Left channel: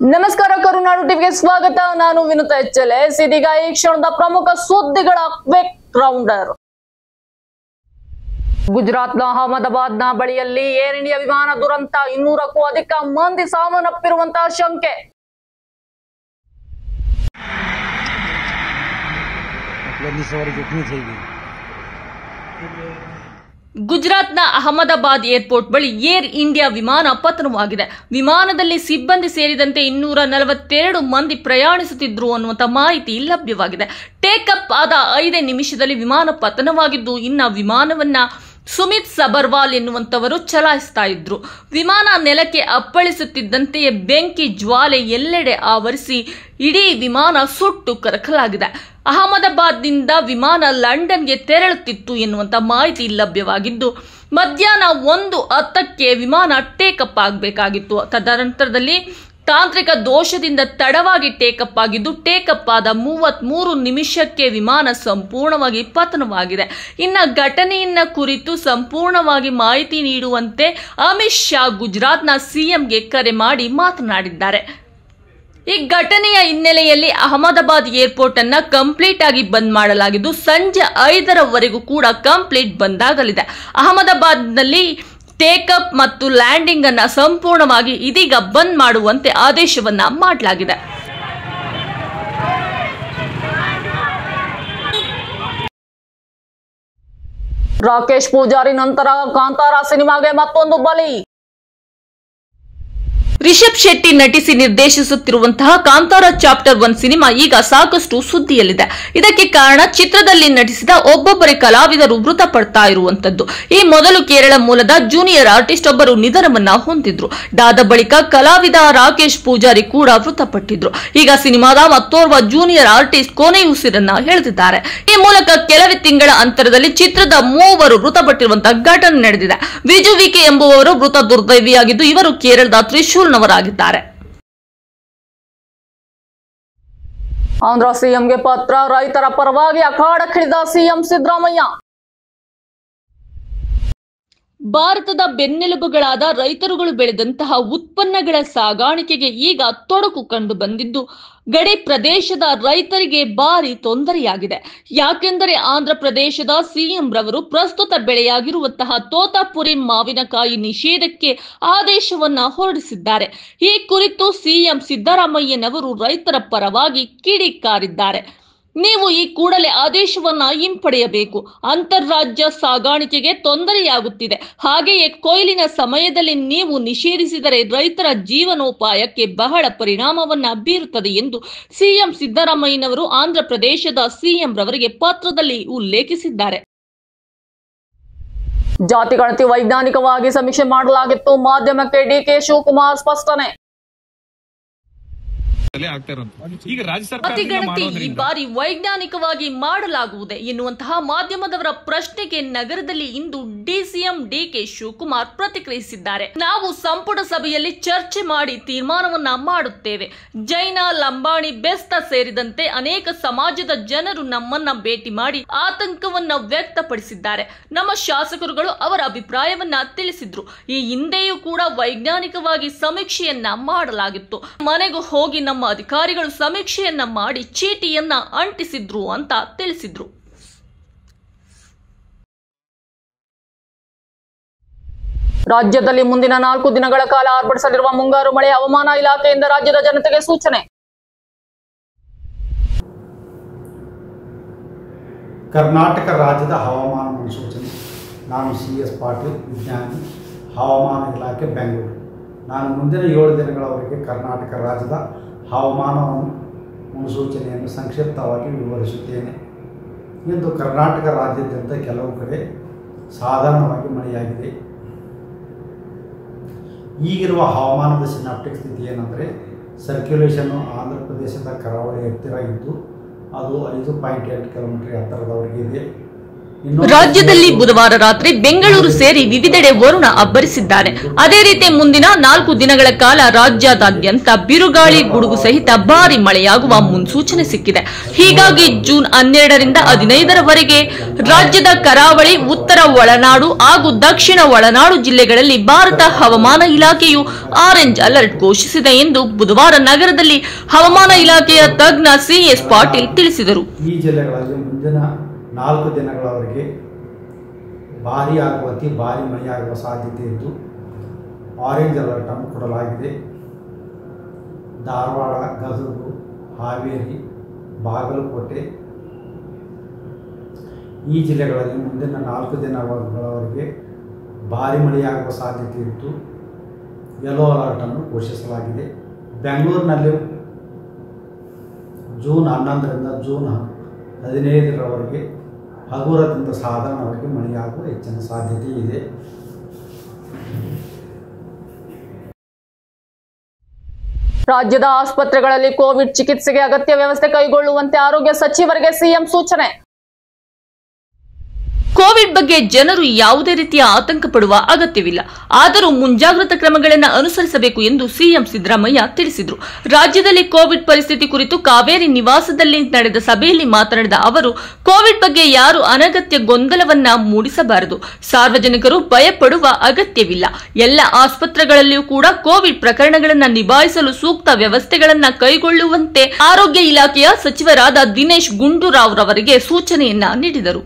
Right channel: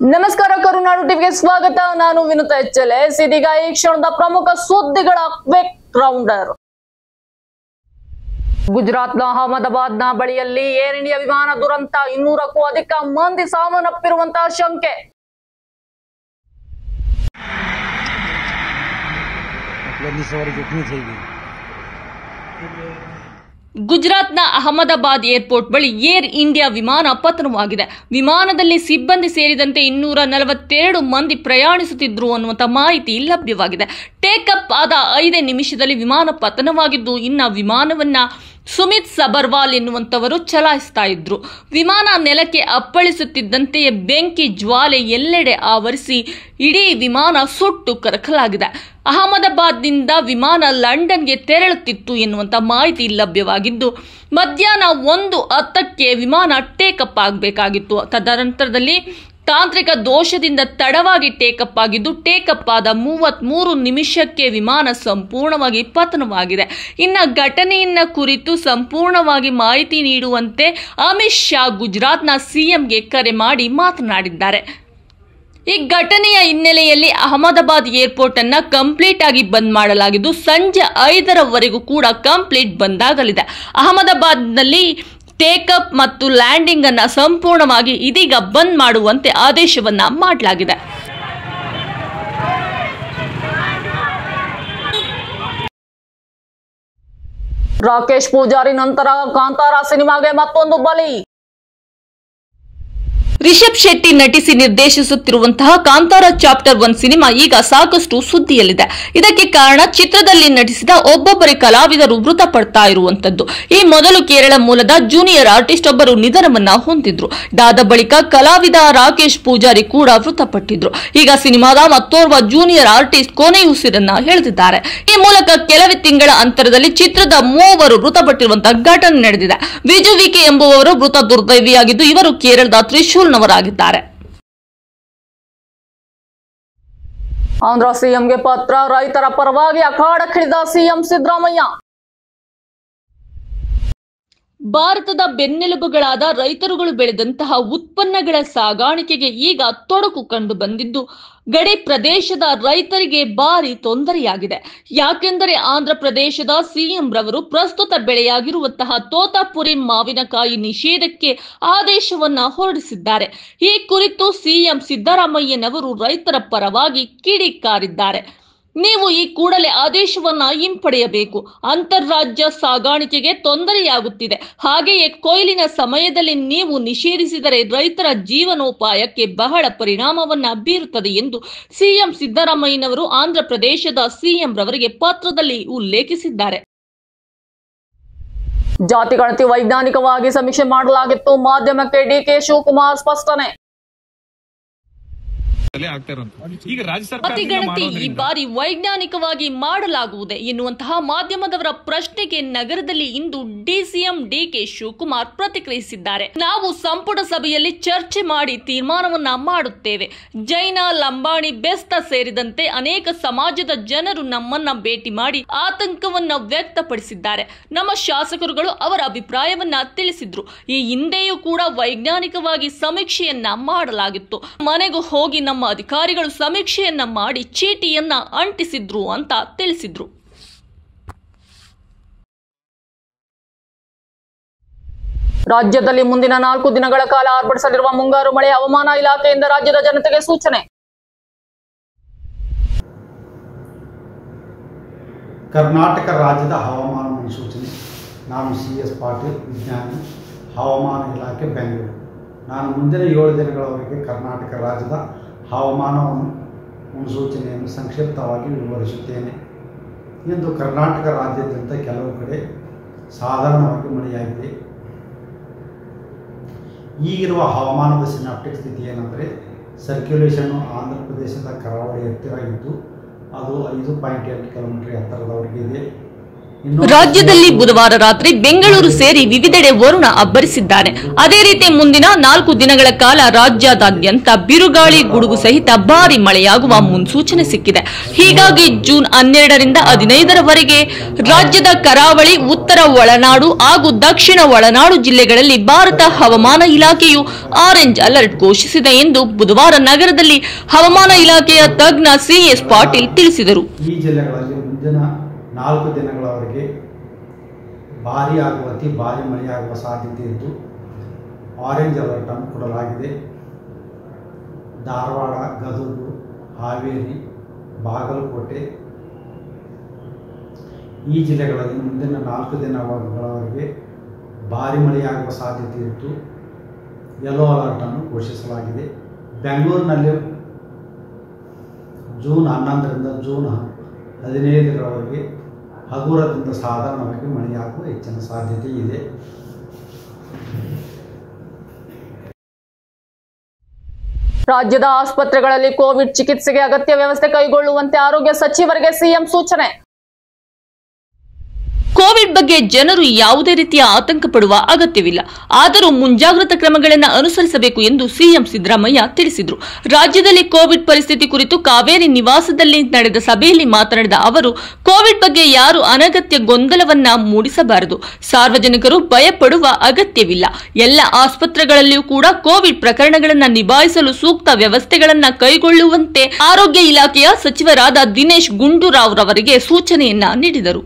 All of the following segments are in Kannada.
ನಮಸ್ಕಾರ, ಕರುನಾಡು ಟಿವಿಗೆ ಸ್ವಾಗತ. ನಾನು ವಿನುತಾ HLS. ಇದೀಗ ಈ ಕ್ಷಣದ ಪ್ರಮುಖ ಸುದ್ದಿಗಳ ಕ್ವಿಕ್ ರೌಂಡರ್. ಗುಜರಾತ್ನ ಅಹಮದಾಬಾದ್ನ ಬಳಿಯಲ್ಲಿ ಏರ್ ಇಂಡಿಯಾ ವಿಮಾನ ದುರಂತ, 200ಕ್ಕೂ ಅಧಿಕ ಮಂದಿ ಸಾವನ್ನಪ್ಪಿರುವಂತಹ ಶಂಕೆ. ಗುಜರಾತ್ನ ಅಹಮದಾಬಾದ್ ಏರ್ಪೋರ್ಟ್ ಬಳಿ ಏರ್ ಇಂಡಿಯಾ ವಿಮಾನ ಪತನವಾಗಿದೆ. ವಿಮಾನದಲ್ಲಿ ಸಿಬ್ಬಂದಿ ಸೇರಿದಂತೆ 242 ಮಂದಿ ಪ್ರಯಾಣಿಸುತ್ತಿದ್ರು ಅನ್ನುವಂಥ ಮಾಹಿತಿ ಲಭ್ಯವಾಗಿದೆ. ಟೇಕಪ್ ಆದ 5 ನಿಮಿಷದಲ್ಲಿ ವಿಮಾನ ಪತನವಾಗಿದ್ದು, ಇನ್ನು ವಿಮಾನವನ್ನ ಸುಮಿತ್ ಸಬರ್ವಾಲ್ ಎನ್ನುವಂತವರು ಚಲಾಯಿಸ್ತಾ ಇದ್ರು. ವಿಮಾನ ನೆಲಕ್ಕೆ ಅಪ್ಪಳಿಸುತ್ತಿದ್ದಂತೆಯೇ ಬೆಂಕಿ ಜ್ವಾಲೆ ಎಲ್ಲೆಡೆ ಆವರಿಸಿ ಇಡೀ ವಿಮಾನ ಸುಟ್ಟು ಕರಕಲಾಗಿದೆ. ಅಹಮದಾಬಾದ್ನಿಂದ ವಿಮಾನ ಲಂಡನ್ಗೆ ತೆರಳುತ್ತಿತ್ತು ಎನ್ನುವಂತ ಮಾಹಿತಿ ಲಭ್ಯವಾಗಿದ್ದು, ಮಧ್ಯಾಹ್ನ 1:10ಕ್ಕೆ ವಿಮಾನ ಟೇಕಪ್ ಆಗಬೇಕಾಗಿತ್ತು. ತದನಂತರದಲ್ಲಿ ತಾಂತ್ರಿಕ ದೋಷದಿಂದ ತಡವಾಗಿ ಟೇಕಪ್ ಆಗಿದ್ದು, ಟೇಕಪ್ ಆದ 33 ನಿಮಿಷಕ್ಕೆ ವಿಮಾನ ಸಂಪೂರ್ಣವಾಗಿ ಪತನವಾಗಿದೆ. ಇನ್ನು ಘಟನೆಯನ್ನ ಕುರಿತು ಸಂಪೂರ್ಣವಾಗಿ ಮಾಹಿತಿ ನೀಡುವಂತೆ ಅಮಿತ್ ಶಾ ಗುಜರಾತ್ನ ಸಿಎಂಗೆ ಕರೆ ಮಾಡಿ ಮಾತನಾಡಿದ್ದಾರೆ. ಈ ಘಟನೆಯ ಹಿನ್ನೆಲೆಯಲ್ಲಿ ಅಹಮದಾಬಾದ್ ಏರ್ಪೋರ್ಟ್ ಅನ್ನ ಕಂಪ್ಲೀಟ್ ಆಗಿ ಬಂದ್ ಮಾಡಲಾಗಿದ್ದು, ಸಂಜೆ 5ರವರೆಗೂ ಕೂಡ ಕಂಪ್ಲೀಟ್ ಬಂದ್ ಆಗಲಿದೆ. ಅಹಮದಾಬಾದ್ನಲ್ಲಿ ಟೇಕಪ್ ಮತ್ತು ಲ್ಯಾಂಡಿಂಗ್ ಅನ್ನ ಸಂಪೂರ್ಣವಾಗಿ ಇದೀಗ ಬಂದ್ ಮಾಡುವಂತೆ ಆದೇಶವನ್ನ ಮಾಡಲಾಗಿದೆ. ರಾಕೇಶ್ ಪೂಜಾರಿ ನಂತರ ಕಾಂತಾರ ಸಿನಿಮಾಗೆ ಮತ್ತೊಂದು ಬಲಿ. ರಿಷಬ್ ಶೆಟ್ಟಿ ನಟಿಸಿ ನಿರ್ದೇಶಿಸುತ್ತಿರುವಂತಹ ಕಾಂತಾರ ಚಾಪ್ಟರ್ 1 ಸಿನಿಮಾ ಈಗ ಸಾಕಷ್ಟು ಸುದ್ದಿಯಲ್ಲಿದೆ. ಇದಕ್ಕೆ ಕಾರಣ ಚಿತ್ರದಲ್ಲಿ ನಟಿಸಿದ ಒಬ್ಬೊಬ್ಬರೇ ಕಲಾವಿದರು ಮೃತಪಡ್ತಾ ಇರುವಂತದ್ದು. ಈ ಮೊದಲು ಕೇರಳ ಮೂಲದ ಜೂನಿಯರ್ ಆರ್ಟಿಸ್ಟ್ ಒಬ್ಬರು ನಿಧನವನ್ನ ಹೊಂದಿದ್ರು. ಇದಾದ ಬಳಿಕ ಕಲಾವಿದ ರಾಕೇಶ್ ಪೂಜಾರಿ ಕೂಡ ಮೃತಪಟ್ಟಿದ್ರು. ಈಗ ಸಿನಿಮಾದ ಮತ್ತೋರ್ವ ಜೂನಿಯರ್ ಆರ್ಟಿಸ್ಟ್ ಕೊನೆಯುಸಿರನ್ನ ಎಳೆದಿದ್ದಾರೆ. ಈ ಮೂಲಕ ಕೆಲವೇ ತಿಂಗಳ ಅಂತರದಲ್ಲಿ ಚಿತ್ರದ 3 ಮೃತಪಟ್ಟಿರುವಂತಹ ಘಟನೆ ನಡೆದಿದೆ. ವಿಜು ವಿಕೆ ಎಂಬುವವರು ಮೃತ ದುರ್ದೈವಿಯಾಗಿದ್ದು, ಇವರು ಕೇರಳದ ತ್ರಿಶೂಲ್ ನವರಾಗಿದ್ದಾರೆ. ಆಂಧ್ರ ಸಿಎಂಗೆ ಪತ್ರ, ರೈತರ ಪರವಾಗಿ ಅಖಾಡಕ್ಕಿಳಿದ ಸಿಎಂ ಸಿದ್ದರಾಮಯ್ಯ. ಭಾರತದ ಬೆನ್ನೆಲುಬುಗಳಾದ ರೈತರುಗಳು ಬೆಳೆದಂತಹ ಉತ್ಪನ್ನಗಳ ಸಾಗಾಣಿಕೆಗೆ ಈಗ ತೊಡಕು ಕಂಡು ಬಂದಿದ್ದು, ಗಡಿ ಪ್ರದೇಶದ ರೈತರಿಗೆ ಭಾರಿ ತೊಂದರೆಯಾಗಿದೆ. ಯಾಕೆಂದರೆ ಆಂಧ್ರ ಪ್ರದೇಶದ ಸಿಎಂ ರವರು ಪ್ರಸ್ತುತ ಬೆಳೆಯಾಗಿರುವಂತಹ ತೋತಾಪುರಿ ಮಾವಿನಕಾಯಿ ನಿಷೇಧಕ್ಕೆ ಆದೇಶವನ್ನ ಹೊರಡಿಸಿದ್ದಾರೆ. ಈ ಕುರಿತು ಸಿಎಂ ಸಿದ್ದರಾಮಯ್ಯನವರು ರೈತರ ಪರವಾಗಿ ಕಿಡಿಕಾರಿದ್ದಾರೆ. ನೀವು ಈ ಕೂಡಲೇ ಆದೇಶವನ್ನ ಹಿಂಪಡೆಯಬೇಕು. ಅಂತಾರಾಜ್ಯ ಸಾಗಾಣಿಕೆಗೆ ತೊಂದರೆಯಾಗುತ್ತಿದೆ. ಹಾಗೆಯೇ ಕೊಯ್ಲಿನ ಸಮಯದಲ್ಲಿ ನೀವು ನಿಷೇಧಿಸಿದರೆ ರೈತರ ಜೀವನೋಪಾಯಕ್ಕೆ ಬಹಳ ಪರಿಣಾಮವನ್ನ ಬೀರುತ್ತದೆ ಎಂದು ಸಿಎಂ ಸಿದ್ದರಾಮಯ್ಯನವರು ಆಂಧ್ರ ಪ್ರದೇಶದ ಸಿಎಂ ರವರಿಗೆ ಪತ್ರದಲ್ಲಿ ಉಲ್ಲೇಖಿಸಿದ್ದಾರೆ. ಜಾತಿ ಗಣತಿ ವೈಜ್ಞಾನಿಕವಾಗಿ ಸಮೀಕ್ಷೆ ಮಾಡಲಾಗಿತ್ತು, ಮಾಧ್ಯಮಕ್ಕೆ ಡಿಕೆ ಶಿವಕುಮಾರ್ ಸ್ಪಷ್ಟನೆ. ಈ ಬಾರಿ ವೈಜ್ಞಾನಿಕವಾಗಿ ಮಾಡಲಾಗುವುದೇ ಎನ್ನುವಂತಹ ಮಾಧ್ಯಮದವರ ಪ್ರಶ್ನೆಗೆ ನಗರದಲ್ಲಿ ಇಂದು ಡಿಸಿಎಂ ಡಿಕೆ ಶಿವಕುಮಾರ್ ಪ್ರತಿಕ್ರಿಯಿಸಿದ್ದಾರೆ. ನಾವು ಸಂಪುಟ ಸಭೆಯಲ್ಲಿ ಚರ್ಚೆ ಮಾಡಿ ತೀರ್ಮಾನವನ್ನ ಮಾಡುತ್ತೇವೆ. ಜೈನ, ಲಂಬಾಣಿ, ಬೆಸ್ತ ಸೇರಿದಂತೆ ಅನೇಕ ಸಮಾಜದ ಜನರು ನಮ್ಮನ್ನ ಭೇಟಿ ಮಾಡಿ ಆತಂಕವನ್ನ ವ್ಯಕ್ತಪಡಿಸಿದ್ದಾರೆ. ನಮ್ಮ ಶಾಸಕರುಗಳು ಅವರ ಅಭಿಪ್ರಾಯವನ್ನ ತಿಳಿಸಿದ್ರು. ಈ ಹಿಂದೆಯೂ ಕೂಡ ವೈಜ್ಞಾನಿಕವಾಗಿ ಸಮೀಕ್ಷೆಯನ್ನ ಮಾಡಲಾಗಿತ್ತು. ಮನೆಗೂ ಹೋಗಿ ನಮ್ಮ ಅಧಿಕಾರಿಗಳು ಸಮೀಕ್ಷೆಯನ್ನ ಮಾಡಿ ಚೀಟಿಯನ್ನ ಅಂಟಿಸಿದ್ರು ಅಂತ ತಿಳಿಸಿದ್ರು. ರಾಜ್ಯದಲ್ಲಿ ಮುಂದಿನ 4 ದಿನಗಳ ಕಾಲ ಆರ್ಭಟಿಸಲಿರುವ ಮುಂಗಾರು ಮಳೆ, ಹವಾಮಾನ ಇಲಾಖೆಯಿಂದ ರಾಜ್ಯದ ಜನತೆಗೆ ಸೂಚನೆ. ಕರ್ನಾಟಕ ರಾಜ್ಯದ ಹವಾಮಾನ ಮುನ್ಸೂಚನೆ. ನಾನು CS ಪಾಟೀಲ್, ವಿಜ್ಞಾನಿ, ಹವಾಮಾನ ಇಲಾಖೆ, ಬೆಂಗಳೂರು. ನಾನು ಮುಂದಿನ 7 ದಿನಗಳವರೆಗೆ ಕರ್ನಾಟಕ ರಾಜ್ಯದ ಹವಾಮಾನವನ್ನು ಮುನ್ಸೂಚನೆಯನ್ನು ಸಂಕ್ಷಿಪ್ತವಾಗಿ ವಿವರಿಸುತ್ತೇನೆ. ಇಂದು ಕರ್ನಾಟಕ ರಾಜ್ಯಾದ್ಯಂತ ಕೆಲವು ಕಡೆ ಸಾಧಾರಣವಾಗಿ ಮಳೆಯಾಗಿದೆ. ಈಗಿರುವ ಹವಾಮಾನದ ಸಿನಾಪ್ಟಿಕ್ ಸ್ಥಿತಿ ಏನೆಂದರೆ, ಸರ್ಕ್ಯುಲೇಷನ್ನು ಆಂಧ್ರ ಪ್ರದೇಶದ ಕರಾವಳಿ ಹತ್ತಿರ ಇದ್ದು ಅದು 5.8 ಕಿಲೋಮೀಟರ್ ಎತ್ತರದವರೆಗೆ ಇದೆ. ರಾಜ್ಯದಲ್ಲಿ ಬುಧವಾರ ರಾತ್ರಿ ಬೆಂಗಳೂರು ಸೇರಿ ವಿವಿಧೆಡೆ ವರುಣ ಅಬ್ಬರಿಸಿದ್ದಾನೆ. ಅದೇ ರೀತಿ ಮುಂದಿನ 4 ದಿನಗಳ ಕಾಲ ರಾಜ್ಯಾದ್ಯಂತ ಬಿರುಗಾಳಿ ಗುಡುಗು ಸಹಿತ ಭಾರಿ ಮಳೆಯಾಗುವ ಮುನ್ಸೂಚನೆ ಸಿಕ್ಕಿದೆ. ಹೀಗಾಗಿ ಜೂನ್ 12ರಿಂದ 15ರವರೆಗೆ ರಾಜ್ಯದ ಕರಾವಳಿ, ಉತ್ತರ ಒಳನಾಡು ಹಾಗೂ ದಕ್ಷಿಣ ಒಳನಾಡು ಜಿಲ್ಲೆಗಳಲ್ಲಿ ಭಾರತ ಹವಾಮಾನ ಇಲಾಖೆಯು ಆರೆಂಜ್ ಅಲರ್ಟ್ ಘೋಷಿಸಿದೆ ಎಂದು ಬುಧವಾರ ನಗರದಲ್ಲಿ ಹವಾಮಾನ ಇಲಾಖೆಯ ತಜ್ಞ ಸಿಎಸ್ ಪಾಟೀಲ್ ತಿಳಿಸಿದರು. ಈ ಜಿಲ್ಲೆಗಳಲ್ಲಿ ಮುಂದಿನ 4 ದಿನಗಳವರೆಗೆ ಭಾರೀ ಆಗುವ ಅತಿ ಭಾರೀ ಮಳೆಯಾಗುವ ಸಾಧ್ಯತೆ ಇದ್ದು ಆರೆಂಜ್ ಅಲರ್ಟ್ ಅನ್ನು ಕೊಡಲಾಗಿದೆ. ಧಾರವಾಡ, ಗದಗ, ಹಾವೇರಿ, ಬಾಗಲಕೋಟೆ ಈ ಜಿಲ್ಲೆಗಳಲ್ಲಿ ಮುಂದಿನ 4 ದಿನಗಳವರೆಗೆ ಭಾರೀ ಮಳೆಯಾಗುವ ಸಾಧ್ಯತೆ ಇದ್ದು ಯೆಲ್ಲೋ ಅಲರ್ಟ್ ಅನ್ನು ಘೋಷಿಸಲಾಗಿದೆ. ಬೆಂಗಳೂರಿನಲ್ಲಿ ಜೂನ್ 11ರಿಂದ ಜೂನ್ 15ರವರೆಗೆ ಹಗುರದಿಂದ ಸಾಧಾರಣವಾಗಿ ಮಳೆಯಾಗುವ ಹೆಚ್ಚಿನ ಸಾಧ್ಯತೆ ಇದೆ. ರಾಜ್ಯದ ಆಸ್ಪತ್ರೆಗಳಲ್ಲಿ ಕೋವಿಡ್ ಚಿಕಿತ್ಸೆಗೆ ಅಗತ್ಯ ವ್ಯವಸ್ಥೆ ಕೈಗೊಳ್ಳುವಂತೆ ಆರೋಗ್ಯ ಸಚಿವರಿಗೆ ಸಿಎಂ ಸೂಚನೆ. ಕೋವಿಡ್ ಬಗ್ಗೆ ಜನರು ಯಾವುದೇ ರೀತಿಯ ಆತಂಕ ಪಡುವ ಅಗತ್ಯವಿಲ್ಲ. ಆದರೂ ಮುಂಜಾಗ್ರತಾ ಕ್ರಮಗಳನ್ನು ಅನುಸರಿಸಬೇಕು ಎಂದು ಸಿಎಂ ಸಿದ್ದರಾಮಯ್ಯ ತಿಳಿಸಿದರು. ರಾಜ್ಯದಲ್ಲಿ ಕೋವಿಡ್ ಪರಿಸ್ಥಿತಿ ಕುರಿತು ಕಾವೇರಿ ನಿವಾಸದಲ್ಲಿ ನಡೆದ ಸಭೆಯಲ್ಲಿ ಮಾತನಾಡಿದ ಅವರು, ಕೋವಿಡ್ ಬಗ್ಗೆ ಯಾರು ಅನಗತ್ಯ ಗೊಂದಲವನ್ನ ಮೂಡಿಸಬಾರದು. ಸಾರ್ವಜನಿಕರು ಭಯಪಡುವ ಅಗತ್ಯವಿಲ್ಲ. ಎಲ್ಲ ಆಸ್ಪತ್ರೆಗಳಲ್ಲಿಯೂ ಕೂಡ ಕೋವಿಡ್ ಪ್ರಕರಣಗಳನ್ನು ನಿಭಾಯಿಸಲು ಸೂಕ್ತ ವ್ಯವಸ್ಥೆಗಳನ್ನು ಕೈಗೊಳ್ಳುವಂತೆ ಆರೋಗ್ಯ ಇಲಾಖೆಯ ಸಚಿವರಾದ ದಿನೇಶ್ ಗುಂಡೂರಾವ್ ರವರಿಗೆ ಸೂಚನೆಯನ್ನ ನೀಡಿದರು.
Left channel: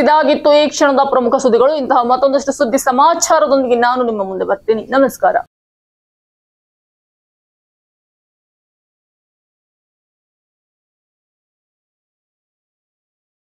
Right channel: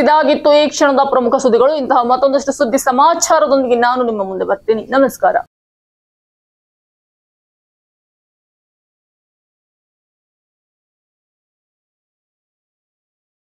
ಇದಾಗಿತ್ತು ಈ ಕ್ಷಣದ ಪ್ರಮುಖ ಸುದ್ದಿಗಳು. ಇಂತಹ ಮತ್ತೊಂದಷ್ಟು ಸುದ್ದಿ ಸಮಾಚಾರದೊಂದಿಗೆ ನಾನು ನಿಮ್ಮ ಮುಂದೆ ಬರ್ತೀನಿ. ನಮಸ್ಕಾರ.